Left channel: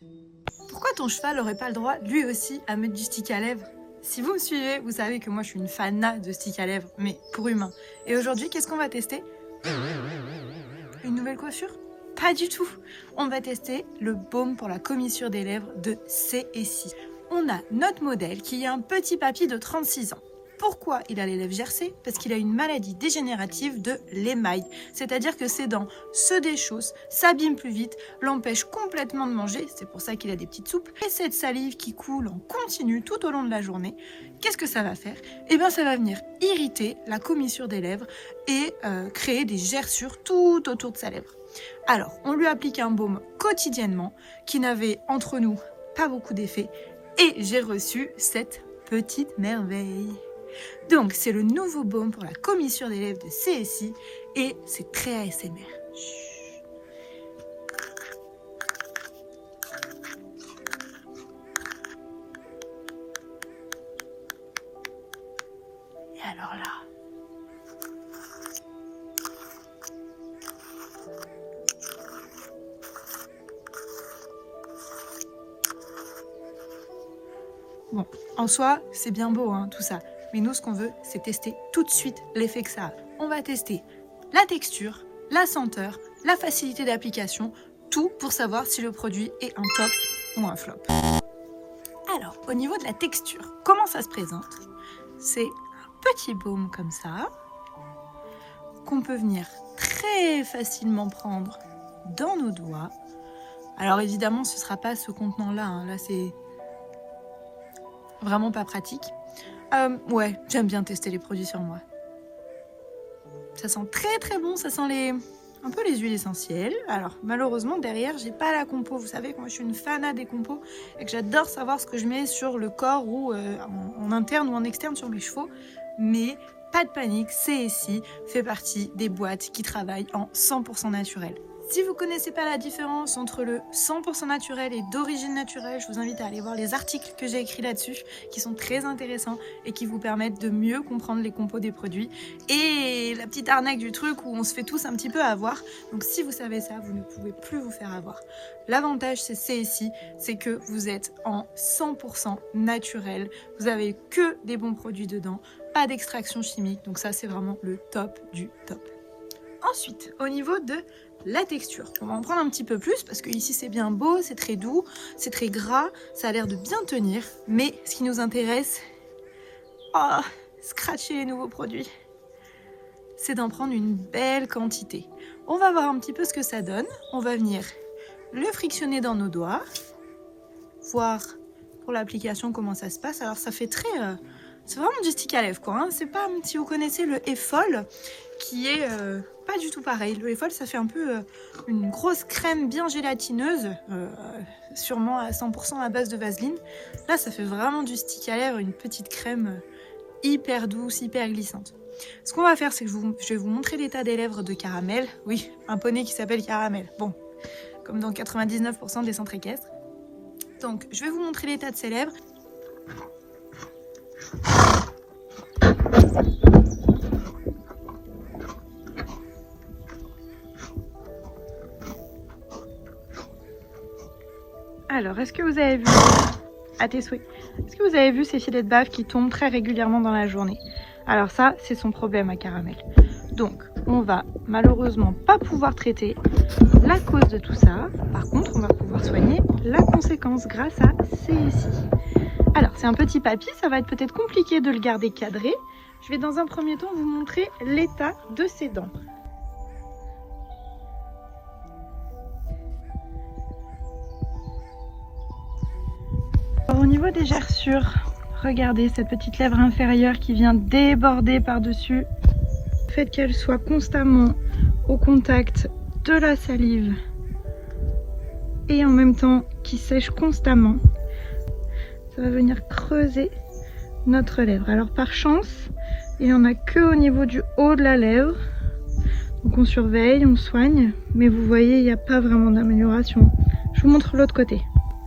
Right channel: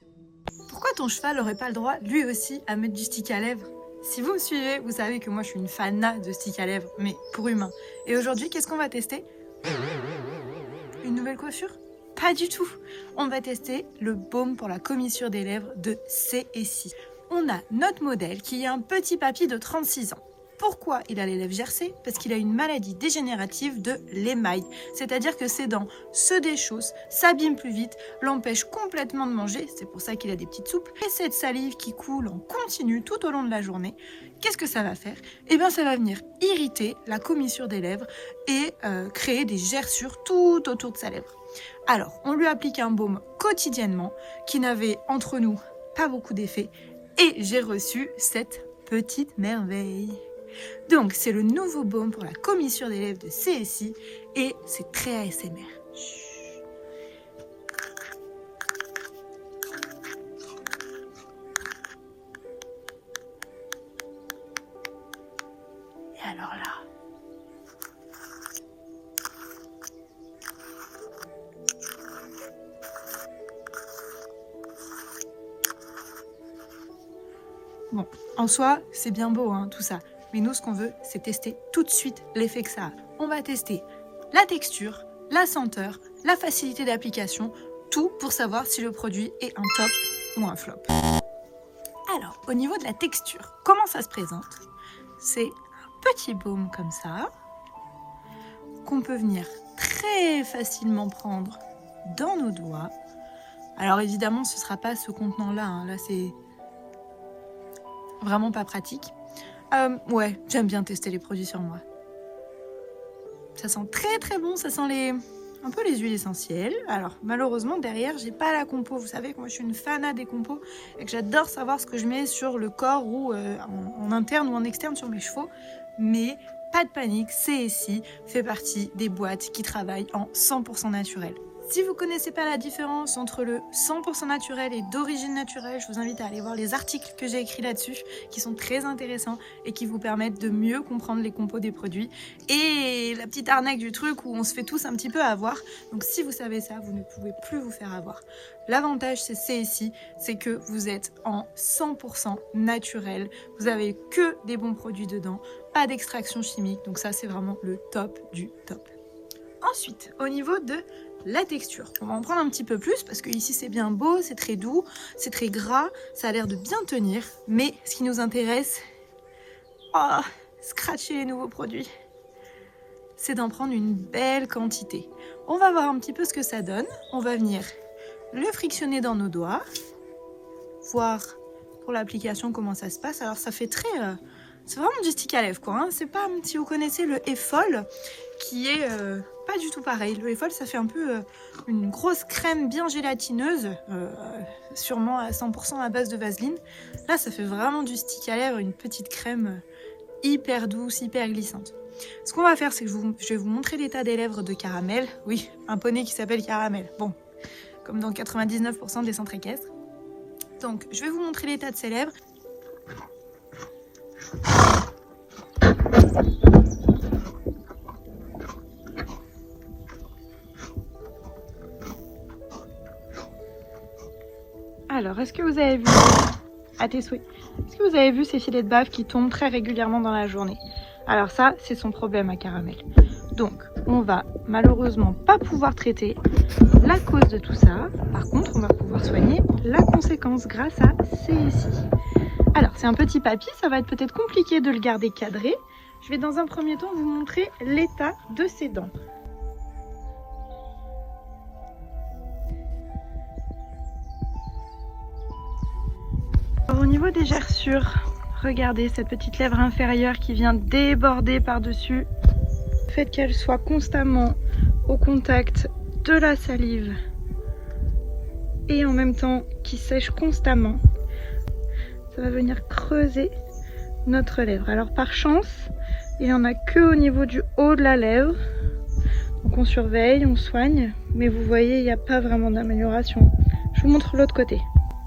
Pourquoi ton cheval n'aurait pas le droit, lui aussi, à mettre du stick à lèvres? Si vous me suivez, vous savez que moi je suis une fan de stick à lèvres, mais pour humain. Et aujourd'hui, qu'est-ce qu'on va tester? Une nouvelle coiffure? Pas du tout. On va tester le baume pour la commissure des lèvres de C&C. On a notre modèle qui est un petit papy de 36 ans. Pourquoi il a les lèvres gercées? Parce qu'il a une maladie dégénérative de l'émail. C'est-à-dire que ses dents se déchaussent, s'abîment plus vite, l'empêchent complètement de manger. C'est pour ça qu'il a des petites soupes. Et cette salive qui coule en continu tout au long de la journée, qu'est-ce que ça va faire? Eh bien, ça va venir irriter la commissure des lèvres et créer des gerçures tout autour de sa lèvre. Alors, on lui applique un baume quotidiennement qui n'avait entre nous pas beaucoup d'effet et j'ai reçu cette petite merveille. Donc, c'est le nouveau baume pour la commissure des lèvres de C&C et c'est très ASMR. Alors là. En soi, c'est bien beau hein, tout ça. Mais nous, ce qu'on veut, c'est tester tout de suite l'effet que ça a. On va tester la texture, la senteur, la facilité d'application, tout pour savoir si le produit est un top ou un flop. Alors, au niveau de la texture, comment ça se présente? C'est un petit baume comme ça, qu'on peut venir très facilement prendre dans nos doigts. Alors évidemment, ce ne sera pas ce contenant-là, hein. Là c'est vraiment pas pratique. Ouais, j'aime bien tester les produits sur moi. Ça sent très très bon, ça sent un peu les huiles essentielles. Alors malheureusement derrière j'ai pas la compo. Vous savez que moi je suis une fanat des compos et que j'adore savoir ce que je mets sur le corps ou en interne ou en externe sur mes chevaux. Mais pas de panique, C&C fait partie des boîtes qui travaillent en 100% naturel. Si vous ne connaissez pas la différence entre le 100% naturel et d'origine naturelle, je vous invite à aller voir les articles que j'ai écrits là-dessus qui sont très intéressants et qui vous permettent de mieux comprendre les compos des produits et la petite arnaque du truc où on se fait tous un petit peu avoir. Donc si vous savez ça, vous ne pouvez plus vous faire avoir. L'avantage c'est C&C, c'est que vous êtes en 100% naturel, vous avez que des bons produits dedans, pas d'extraction chimique, donc ça c'est vraiment le top du top. Ensuite, au niveau de la texture, on va en prendre un petit peu plus parce que ici c'est bien beau, c'est très doux, c'est très gras, ça a l'air de bien tenir, mais ce qui nous intéresse, scratcher les nouveaux produits, c'est d'en prendre une belle quantité. On va voir un petit peu ce que ça donne, on va venir le frictionner dans nos doigts, voir pour l'application comment ça se passe. Alors ça fait très, c'est vraiment du stick à lèvres quoi, hein. C'est pas, si vous connaissez le Effol, qui est pas du tout pareil. Le Effol, ça fait un peu une grosse crème bien gélatineuse, sûrement à 100% à base de vaseline. Là, ça fait vraiment du stick à lèvres, une petite crème hyper douce, hyper glissante. Ce qu'on va faire, c'est que je vais vous montrer l'état des lèvres de Caramel. Oui, un poney qui s'appelle Caramel. Bon, comme dans 99% des centres équestres. Donc, je vais vous montrer l'état de ses lèvres. Alors, est-ce que vous avez vu, à tes souhaits, est-ce que vous avez vu ces filets de bave qui tombent très régulièrement dans la journée? Alors ça, c'est son problème à Caramel. Donc, on va malheureusement pas pouvoir traiter la cause de tout ça. Par contre, on va pouvoir soigner la conséquence grâce à C&C. Alors, c'est un petit papy, ça va être peut-être compliqué de le garder cadré. Je vais dans un premier temps vous montrer l'état de ses dents. Au niveau des gerçures, regardez cette petite lèvre inférieure qui vient déborder par-dessus. Le fait qu'elle soit constamment au contact de la salive et en même temps qui sèche constamment, ça va venir creuser notre lèvre. Alors par chance, il n'y en a que au niveau du haut de la lèvre. Donc on surveille, on soigne, mais vous voyez, il n'y a pas vraiment d'amélioration. Je vous montre l'autre côté.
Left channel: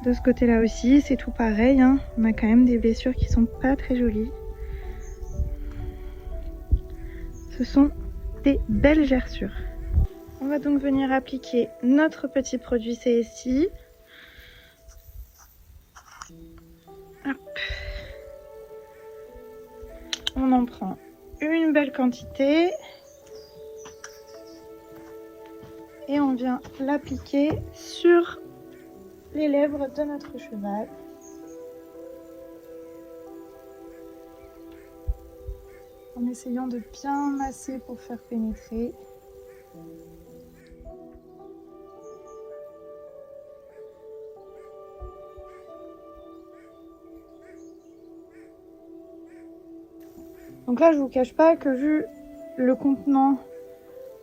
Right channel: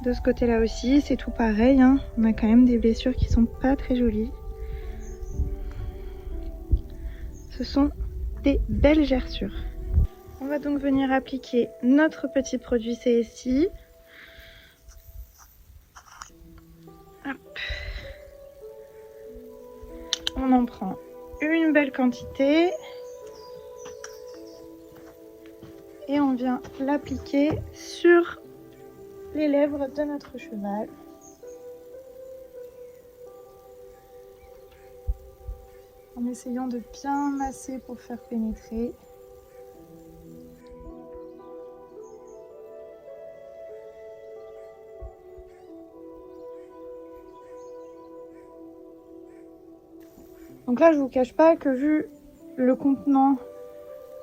De ce côté-là aussi, c'est tout pareil, hein. On a quand même des blessures qui sont pas très jolies. Ce sont des belles gerçures. On va donc venir appliquer notre petit produit C&C On en prend une belle quantité. Et on vient l'appliquer sur les lèvres de notre cheval. En essayant de bien masser pour faire pénétrer. Donc là, je vous cache pas que vu le contenant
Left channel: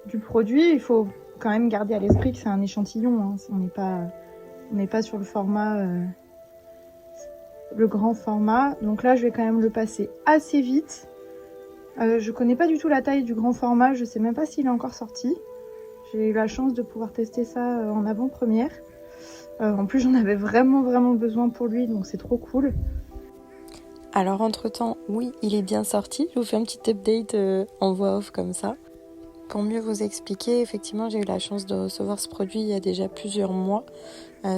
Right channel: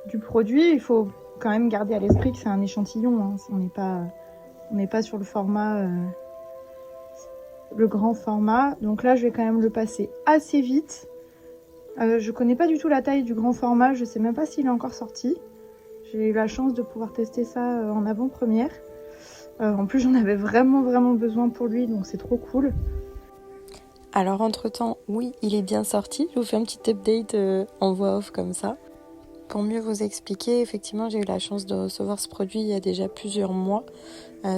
du produit, il faut quand même garder à l'esprit que c'est un échantillon. Hein. On n'est pas sur le format, le grand format. Donc là, je vais quand même le passer assez vite. Je connais pas du tout la taille du grand format. Je sais même pas s'il est encore sorti. J'ai eu la chance de pouvoir tester ça en avant-première. En plus, j'en avais vraiment besoin pour lui, donc c'est trop cool. Alors entre-temps, oui, il est bien sorti. Je vous fais un petit update en voix off comme ça. Pour mieux vous expliquer, effectivement, j'ai eu la chance de recevoir ce produit il y a déjà plusieurs mois.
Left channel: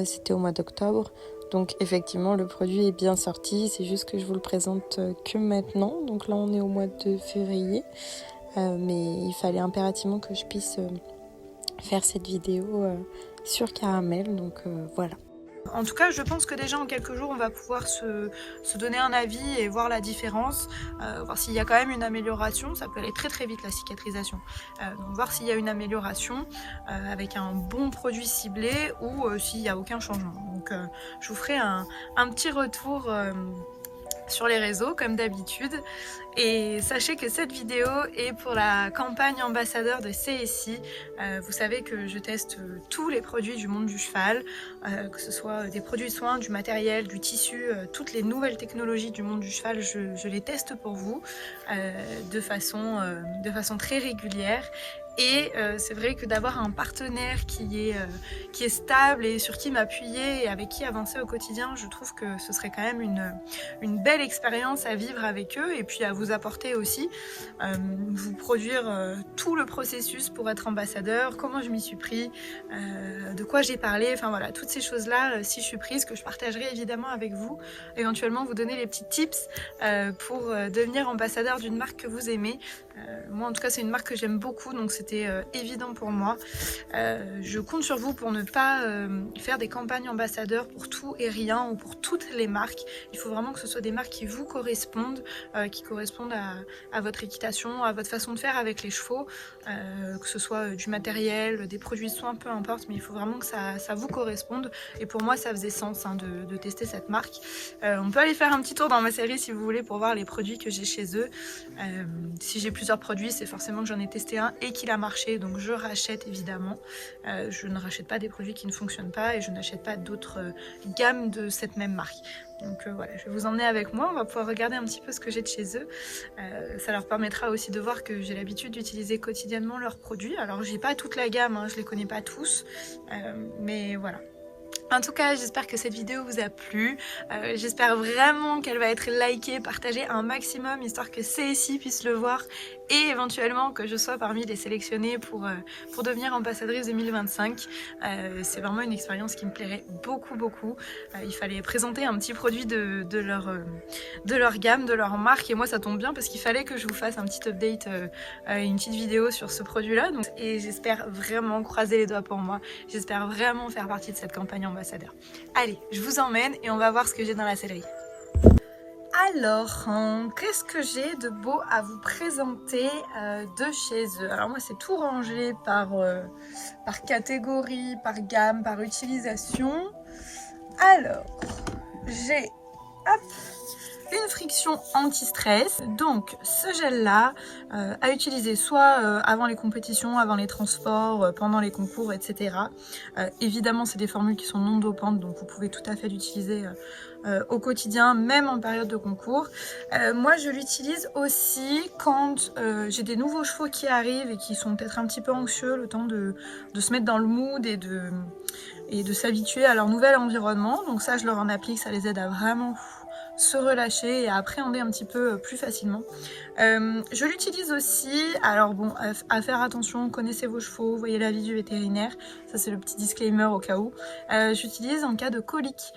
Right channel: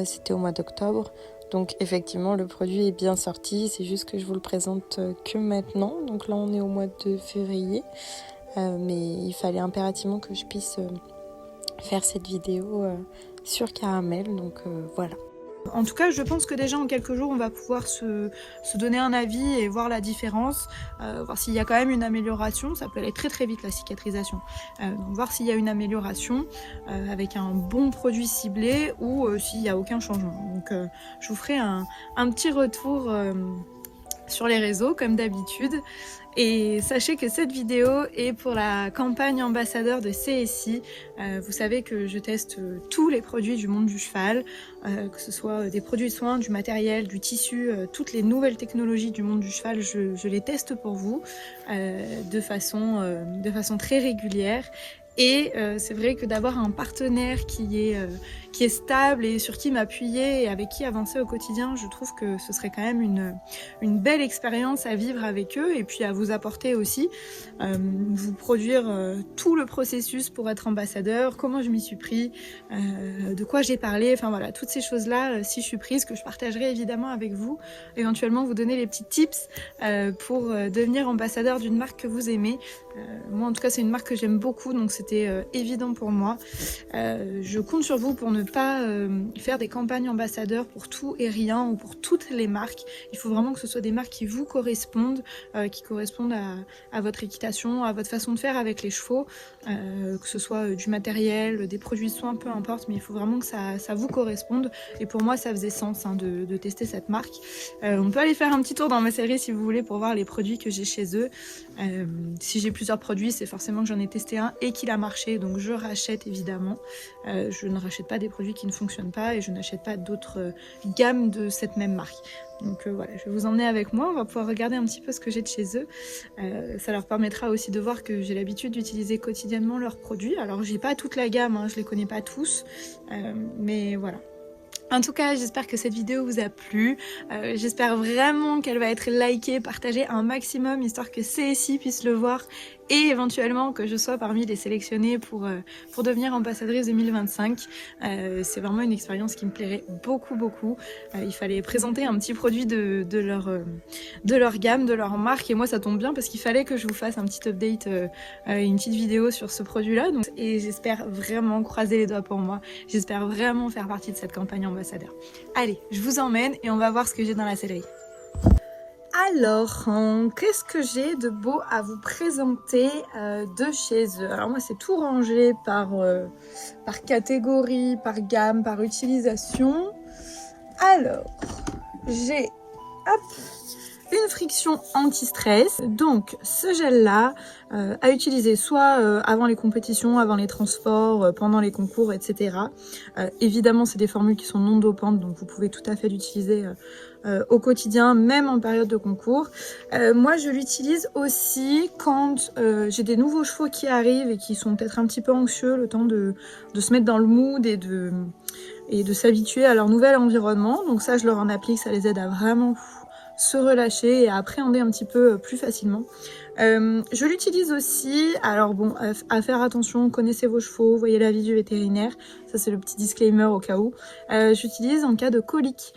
C'était au mois d'octobre. Donc effectivement, le produit est bien sorti. C'est juste que je vous le présente que maintenant. Donc là, on est au mois de février. Mais il fallait impérativement que je puisse faire cette vidéo sur Caramel. Donc voilà. En tout cas, je pense que déjà en quelques jours, on va pouvoir se donner un avis et voir la différence, voir s'il y a quand même une amélioration. Ça peut aller très vite la cicatrisation. Donc voir s'il y a une amélioration avec un bon produit ciblé ou s'il n'y a aucun changement. Donc je vous ferai un petit retour sur les réseaux comme d'habitude. Et sachez que cette vidéo est pour la campagne ambassadeur de CSI. Vous savez que je teste tous les produits du monde du cheval, que ce soit des produits de soins, du matériel, du tissu, toutes les nouvelles technologies du monde du cheval, je les teste pour vous de façon très régulière. Et c'est vrai que d'avoir un partenaire qui est stable et sur qui m'appuyer et avec qui avancer au quotidien, je trouve que ce serait quand même une belle expérience à vivre avec eux et puis à vous apporter aussi, vous produire tout le processus pour être ambassadeur, comment je m'y suis pris, de quoi j'ai parlé, enfin voilà, toutes ces choses-là, si je suis prise, que je partagerai évidemment avec vous, éventuellement vous donner les petits tips pour devenir ambassadeur d'une marque que vous aimez. Moi en tout cas c'est une marque que j'aime beaucoup, donc c'était évident pour moi. Je compte sur vous pour ne pas faire des campagnes ambassadeurs pour tout et rien ou pour toutes les marques. Il faut vraiment que ce soit des marques qui vous correspondent, qui correspondent à votre équitation, à votre façon de faire avec les chevaux, que ce soit du matériel, des produits de soins, peu importe, mais il faut vraiment que ça vous corresponde. Et pour moi ça faisait sens de tester cette marque. On peut aller faire un petit tour dans ma série si vous voulez pour voir les produits que j'ai chez eux. Si j'ai plusieurs produits, c'est forcément que j'en ai testé un et qu'il a marché, donc je rachète évidemment. Je ne rachète pas des produits qui ne fonctionnent pas et je n'achète pas d'autres gammes de cette même marque. Donc voilà, je vais vous emmener avec moi, on va pouvoir regarder un petit peu ce que j'ai de chez eux. Ça leur permettra aussi de voir que j'ai l'habitude d'utiliser quotidiennement leurs produits. Alors j'ai pas toute la gamme, hein, je les connais pas tous, mais voilà. En tout cas, j'espère que cette vidéo vous a plu. J'espère vraiment qu'elle va être likée, partagée un maximum, histoire que CSI puisse le voir et éventuellement que je sois parmi les sélectionnés pour devenir ambassadrice 2025. C'est vraiment une expérience qui me plairait beaucoup. Il fallait présenter un petit produit de leur gamme, de leur marque, et moi ça tombe bien parce qu'il fallait que je vous fasse un petit update, une petite vidéo sur ce produit-là. Et j'espère vraiment, croiser les doigts pour moi, j'espère vraiment faire partie de cette campagne ambassadeur. Allez, je vous emmène et on va voir ce que j'ai dans la sellerie. Alors, qu'est-ce que j'ai de beau à vous présenter de chez eux? Alors moi, c'est tout rangé par catégorie, par gamme, par utilisation. Alors, j'ai une friction anti-stress, donc ce gel-là à utiliser soit avant les compétitions, avant les transports, pendant les concours, etc. Évidemment, c'est des formules qui sont non dopantes, donc vous pouvez tout à fait l'utiliser au quotidien, même en période de concours. Moi, je l'utilise aussi quand j'ai des nouveaux chevaux qui arrivent et qui sont peut-être un petit peu anxieux, le temps de se mettre dans le mood et de s'habituer à leur nouvel environnement. Donc ça, je leur en applique, ça les aide à vraiment se relâcher et à appréhender un petit peu plus facilement. Je l'utilise aussi, alors bon, à faire attention, connaissez vos chevaux, voyez l'avis du vétérinaire, ça c'est le petit disclaimer au cas où. J'utilise en cas de colique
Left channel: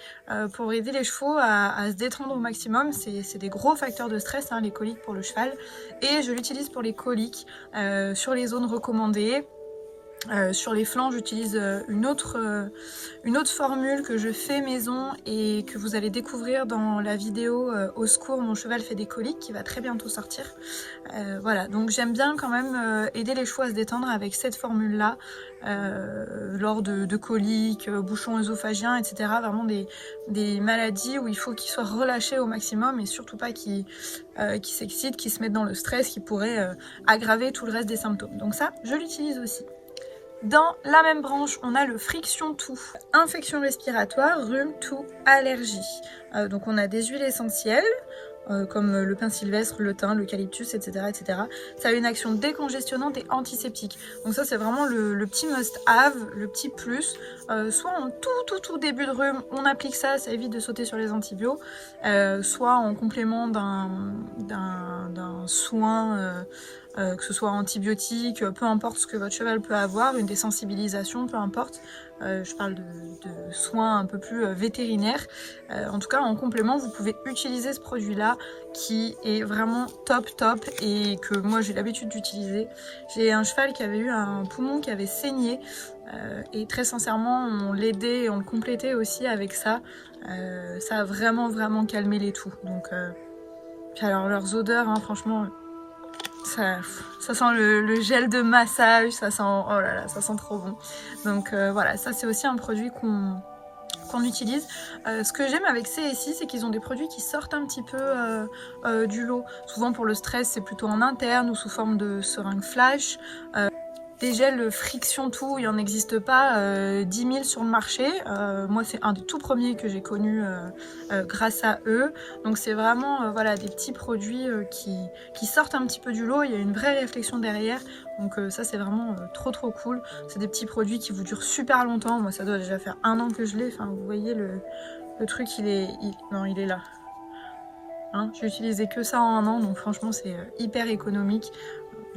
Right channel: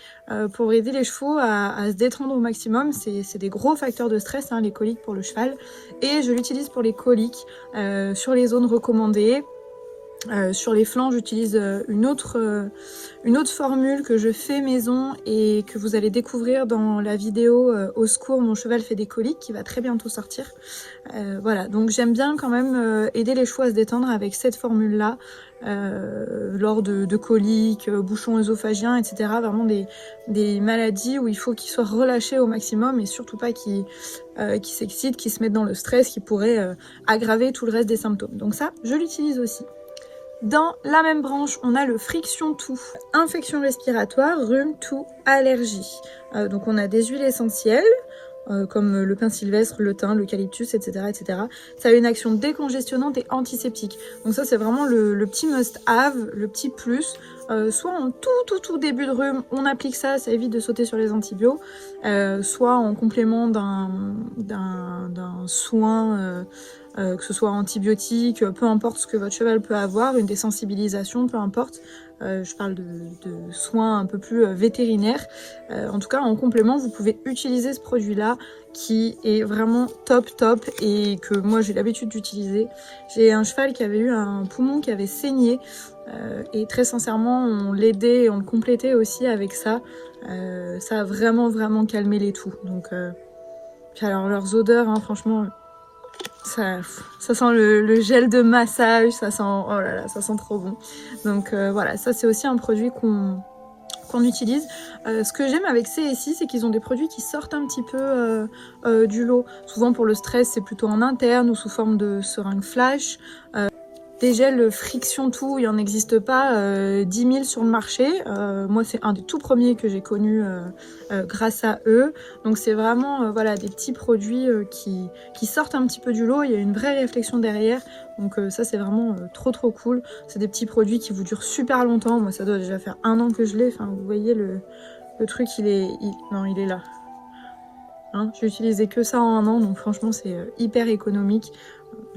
pour aider les chevaux à se détendre au maximum. C'est des gros facteurs de stress, hein, les coliques pour le cheval, et je l'utilise pour les coliques sur les zones recommandées. Sur les flancs, j'utilise une autre formule que je fais maison et que vous allez découvrir dans la vidéo Au secours, mon cheval fait des coliques, qui va très bientôt sortir. Voilà, donc j'aime bien quand même aider les chevaux à se détendre avec cette formule-là, lors de coliques, bouchons œsophagiens, etc. Vraiment des maladies où il faut qu'ils soient relâchés au maximum et surtout pas qu'ils s'excitent, qu'ils se mettent dans le stress qui pourrait aggraver tout le reste des symptômes. Donc ça, je l'utilise aussi. Dans la même branche, on a le Friction Tout, infection respiratoire, rhume, toux, allergie. Donc on a des huiles essentielles, comme le pin sylvestre, le thym, l'eucalyptus, etc., etc. Ça a une action décongestionnante et antiseptique. Donc ça, c'est vraiment le petit must-have, le petit plus. Soit en tout début de rhume, on applique ça, ça évite de sauter sur les antibiotiques. Soit en complément d'un soin... que ce soit antibiotique, peu importe ce que votre cheval peut avoir, une désensibilisation, peu importe. Je parle de soins un peu plus vétérinaires. En tout cas, en complément, vous pouvez utiliser ce produit-là qui est vraiment top et que moi j'ai l'habitude d'utiliser. J'ai un cheval qui avait eu un poumon qui avait saigné et très sincèrement, on l'aidait et on le complétait aussi avec ça. Ça a vraiment calmé les toux. Donc, puis alors leurs odeurs, hein, franchement... Ça sent le gel de massage, ça sent, oh là là, ça sent trop bon. Donc voilà, ça c'est aussi un produit qu'on utilise. Ce que j'aime avec CSI, c'est qu'ils ont des produits qui sortent un petit peu du lot. Souvent pour le stress, c'est plutôt en interne ou sous forme de seringue flash. Des gels Friction Tout, il n'en existe pas 10 000 sur le marché. Moi, c'est un des tout premiers que j'ai connu grâce à eux. Donc, c'est vraiment voilà, des petits produits qui sortent un petit peu du lot. Il y a une vraie réflexion derrière. Donc, ça, c'est vraiment trop cool. C'est des petits produits qui vous durent super longtemps. Moi, ça doit déjà faire 1 an que je l'ai. Enfin, vous voyez, le truc, il est là. Hein, j'ai utilisé que ça en 1 an. Donc, franchement, c'est hyper économique.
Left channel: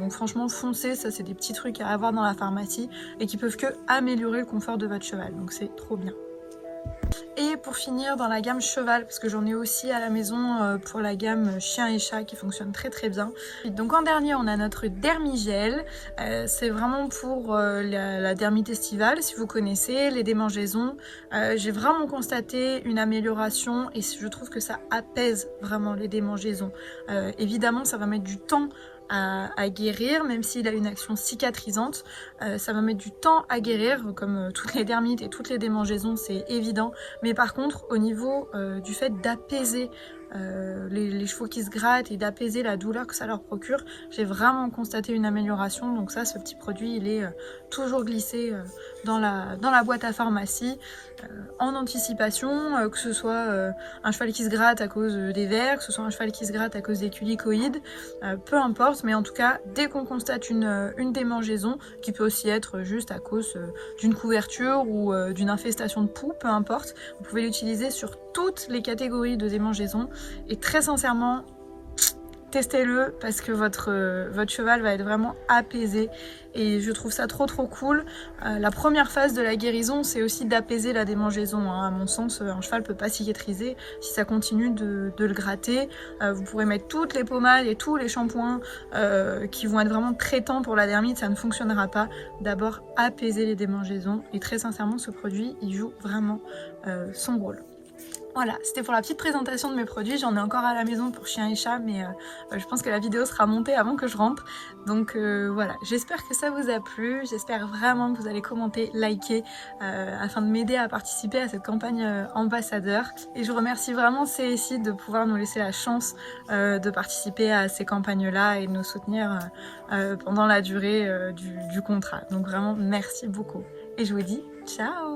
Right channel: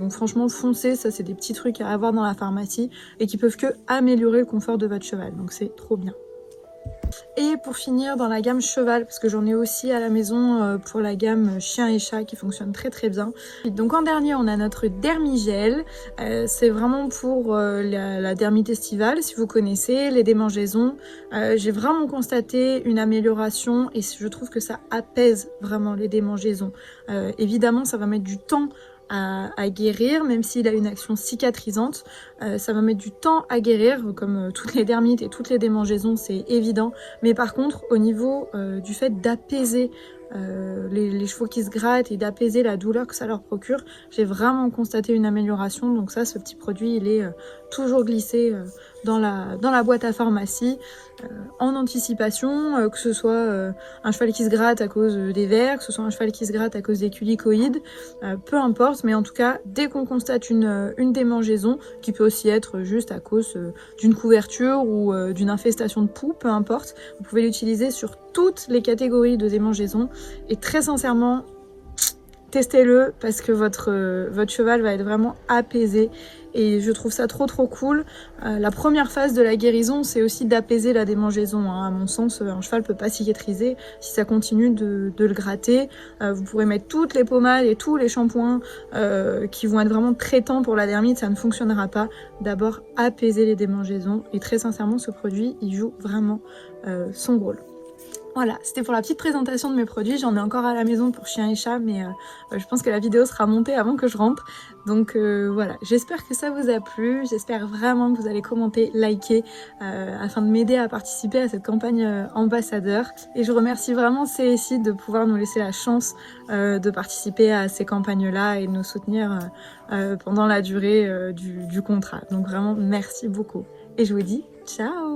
Donc franchement, foncez, ça c'est des petits trucs à avoir dans la pharmacie et qui peuvent que améliorer le confort de votre cheval, donc c'est trop bien. Et pour finir, dans la gamme cheval, parce que j'en ai aussi à la maison pour la gamme chien et chat qui fonctionne très bien. Et donc en dernier, on a notre Dermigel. C'est vraiment pour la dermite estivale, si vous connaissez, les démangeaisons. J'ai vraiment constaté une amélioration et je trouve que ça apaise vraiment les démangeaisons. Évidemment, ça va mettre du temps à guérir, même s'il a une action cicatrisante. Ça va mettre du temps à guérir, comme toutes les dermites et toutes les démangeaisons, c'est évident. Mais par contre, au niveau du fait d'apaiser les chevaux qui se grattent et d'apaiser la douleur que ça leur procure, j'ai vraiment constaté une amélioration. Donc ça, ce petit produit, il est toujours glissé dans la boîte à pharmacie en anticipation, que ce soit un cheval qui se gratte à cause des vers, que ce soit un cheval qui se gratte à cause des culicoïdes, peu importe, mais en tout cas, dès qu'on constate une démangeaison, qui peut aussi être juste à cause d'une couverture ou d'une infestation de poux, peu importe, vous pouvez l'utiliser sur toutes les catégories de démangeaison et très sincèrement, testez-le parce que votre cheval va être vraiment apaisé et je trouve ça trop cool. La première phase de la guérison, c'est aussi d'apaiser la démangeaison. Hein. À mon sens, un cheval ne peut pas cicatriser si ça continue de le gratter. Vous pourrez mettre toutes les pommades et tous les shampoings qui vont être vraiment traitants pour la dermite, ça ne fonctionnera pas. D'abord, apaiser les démangeaisons et très sincèrement, ce produit, il joue vraiment son rôle. Voilà, c'était pour la petite présentation de mes produits. J'en ai encore à la maison pour chien et chat, mais je pense que la vidéo sera montée avant que je rentre. Donc voilà, j'espère que ça vous a plu. J'espère vraiment que vous allez commenter, liker, afin de m'aider à participer à cette campagne ambassadeur. Et je remercie vraiment CSI de pouvoir nous laisser la chance de participer à ces campagnes-là et de nous soutenir pendant la durée du contrat. Donc vraiment, merci beaucoup. Et je vous dis ciao!